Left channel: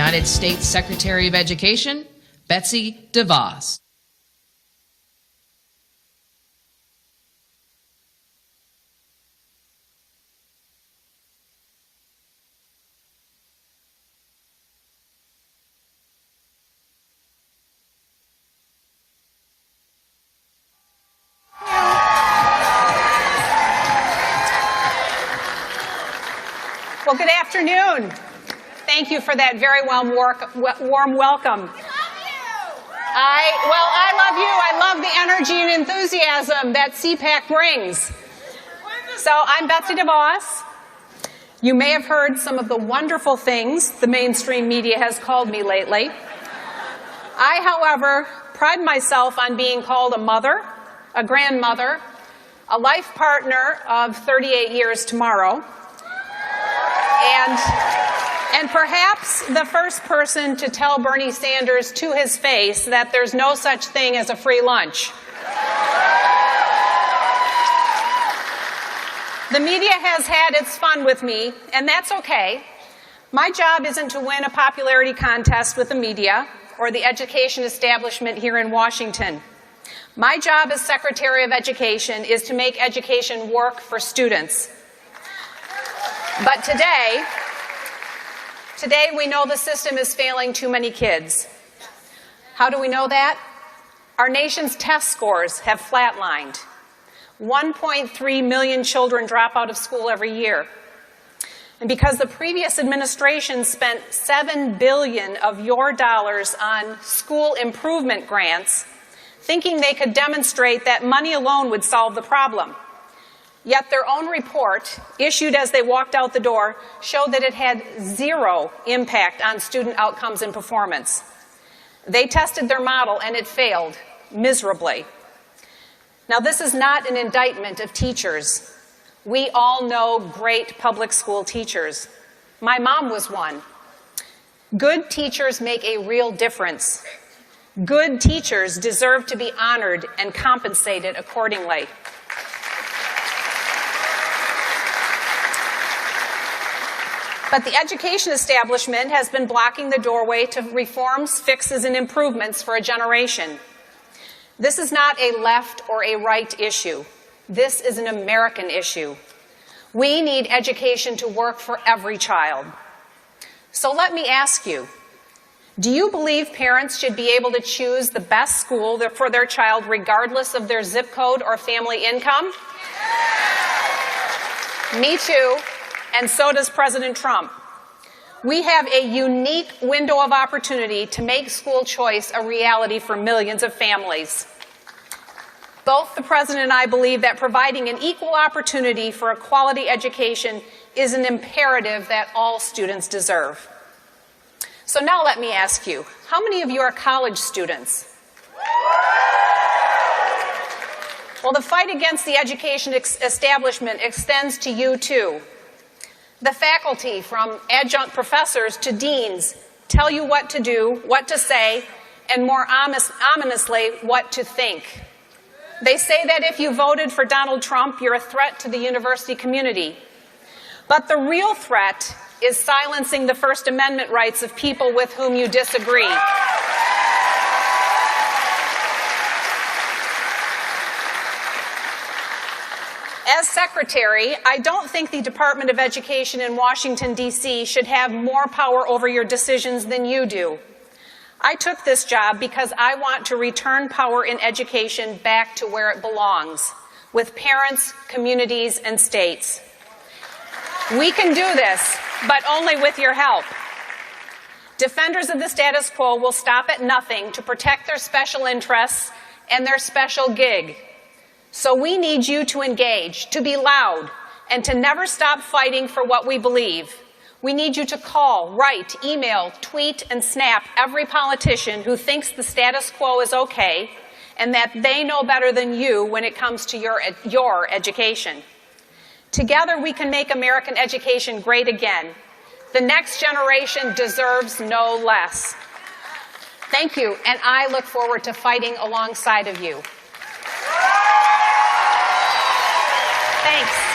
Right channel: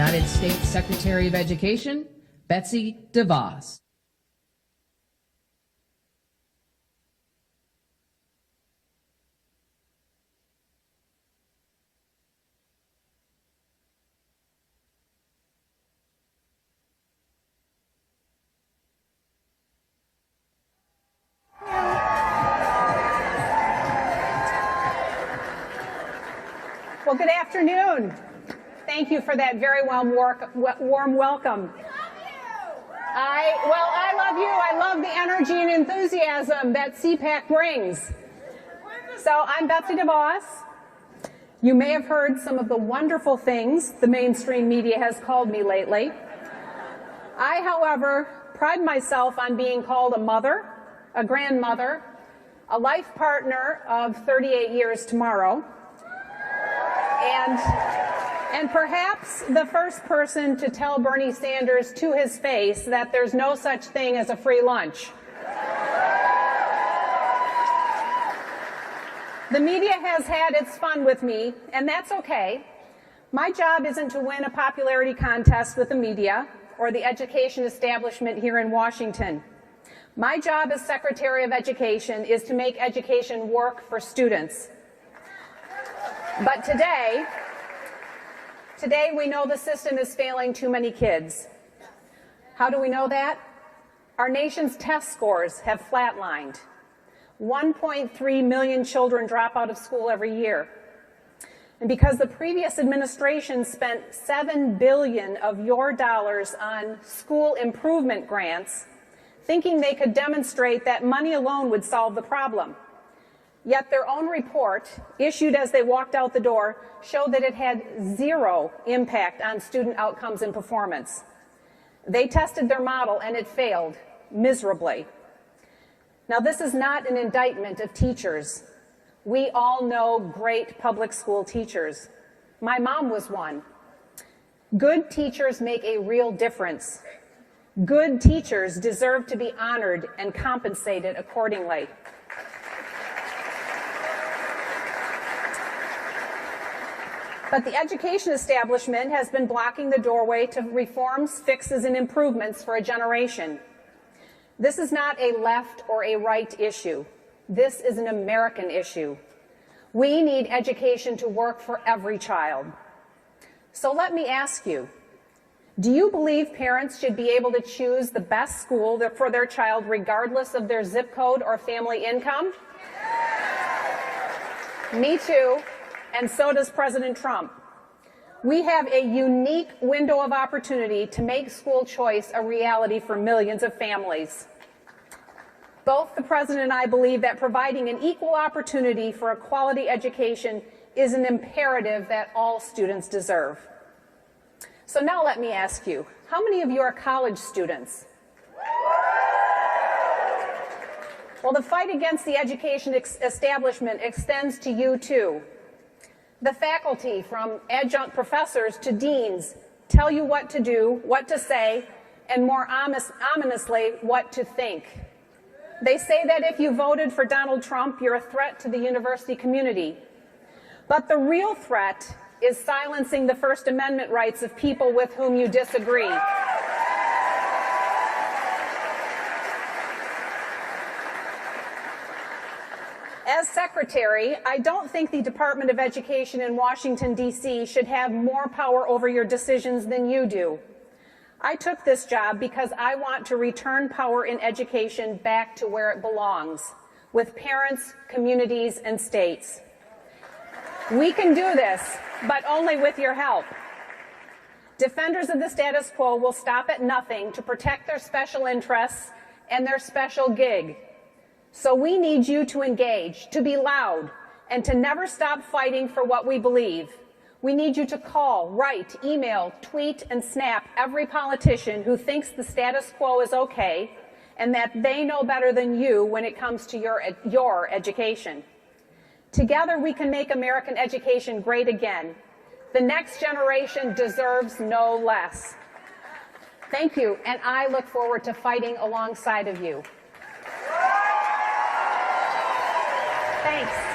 United States Secretary of Education, Betsy Devos. Well, good afternoon. Thank you for that very warm welcome. I love you. I love the energy and enthusiasm that CPAC brings. So I'm Betsy Devos. You may have heard some of the wonderful things the mainstream media has called me lately. I, however, pride myself on being called a mother, a grandmother, a life partner of 38 years tomorrow, and perhaps the first person to tell Bernie Sanders to his face that there's no such thing as a free lunch. The media has had its fun with me, and that's okay. My job isn't to win a popularity contest with the media or the education establishment here in Washington. My job as Secretary of Education is to make education work for students. But today we know the system is failing too many kids. How do we know that? Our nation's test scores have flatlined. 1.3 million children drop out of school every year. And because the previous administration spent $7 billion of your dollars on school improvement grants, thinking they could demonstrate that money alone would solve the problem. Yet their own report, issued as they walked out the door, showed that it had zero impact on student outcomes and performance. They tested their model and it failed miserably. Now, this is not an indictment of teachers. We all know great public school teachers. My mom was one. Good teachers make a real difference. Good teachers deserve to be honored and compensated accordingly. But the education establishment has been blocking the doorway to reforms, fixes, and improvements for a generation. This is not a left or a right issue. This is an American issue. We need education to work for every child. So let me ask you, do you believe parents should be able to choose the best school for their child regardless of their zip code or family income? Me too. And so does President Trump. We have a unique window of opportunity to make school choice a reality for millions of families. Both the President and I believe that providing an equal opportunity for a quality education is an imperative that all students deserve. So now let me ask you, how many of you are college students? Well, the fight against the education establishment extends to you too. The faculty, from adjunct professors to deans, tell you what to do, what to say, and more ominously, what to think. They say that if you voted for Donald Trump, you're a threat to the university community. But the real threat is silencing the First Amendment rights of people with whom you disagree. As Secretary, I don't think the Department of Education in Washington, D.C. should have more power over your decisions than you do. I took this job because I want to return power in education back to where it belongs, with parents, communities, and states. We can do this, but only with your help. Defenders of the status quo will stop at nothing to protect their special interests and their special gig. So we need you to engage, to be loud, and to never stop fighting for what we believe. We need you to call, write, email, tweet, and snap every politician who thinks the status quo is okay and that they know better than you when it comes to your education. Together we can make American education great again. The next generation deserves no less. Thank you, and I look forward to fighting alongside of you. Thanks.